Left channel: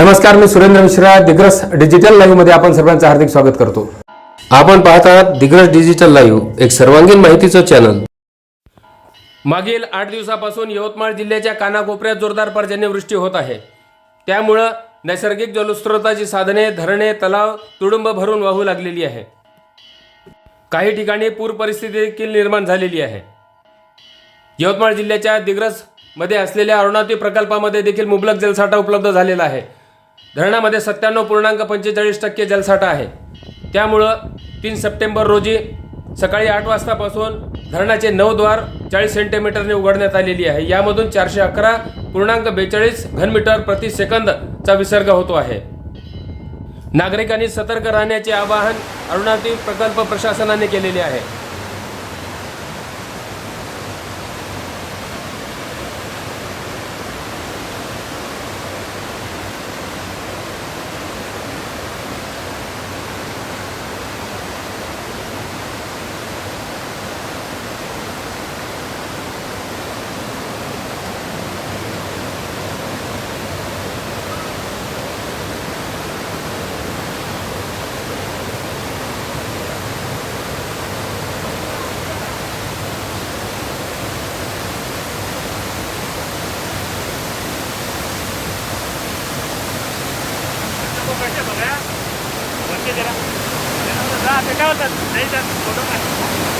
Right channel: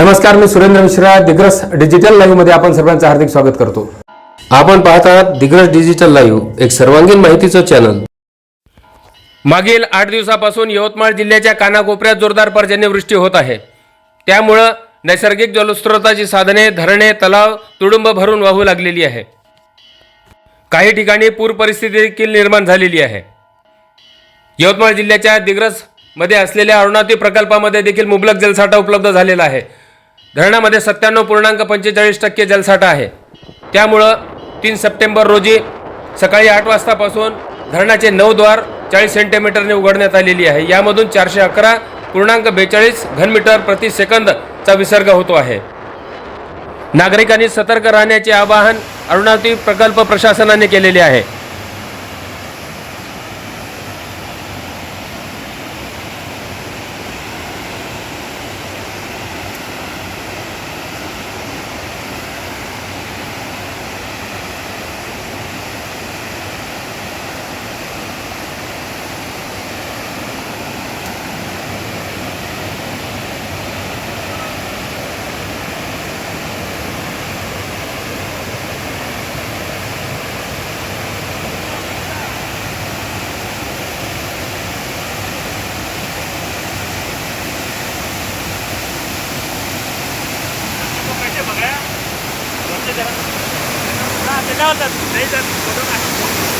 नमस्कार मी सुरेंद्र मिश्रा दिग्रस डिजिटल लाईव्हमध्ये आपण सर्वांचं हार्दिक स्वागत करतो. आपण पाहत आहात दिग्रस डिजिटल लाईव्ह एक सर्वांगीण माहितीचं चॅनल मागील आठ दिवसापासून यवतमाळ जिल्ह्याच्या कानाकोपऱ्यात जोरदार पर्जन्यवृष्टी होत आहे. त्यामुळं नैसर्गिक जलस्रोताची साधने धरणे तलाव तुडुंब भरून वाहू लागलेली आहे. काही ठिकाणी पूर परिस्थिती देखील निर्माण झालेली आहे. यवतमाळ जिल्ह्याच्या दिग्रसमध्ये असलेल्या अरुणाती प्रकल्पामध्ये देखील मुबलक जलसाठा उपलब्ध झालेला आहे. धरणामध्ये सत्त्याण्णव पूर्णांक पंचेचाळीस टक्के जलसाठा आहे. त्यामुळं तीन सप्टेंबर रोजी सकाळी आठ वाजतापासून धरणाचे नऊ द्वार चाळीस सेंटीमीटरने उघडण्यात आलेली आहे. यामधून चारशे अकरा पूर्णांक बेचाळीस घनमीटर प्रति सेकंदचा विसर्ग होतो आहे. नागरिकांनी सतर्क राहण्याचे आवाहन अरुणावती प्रकल्प प्रशासनाने केलेले आहे. けどね。だってなおさん、全然子供が。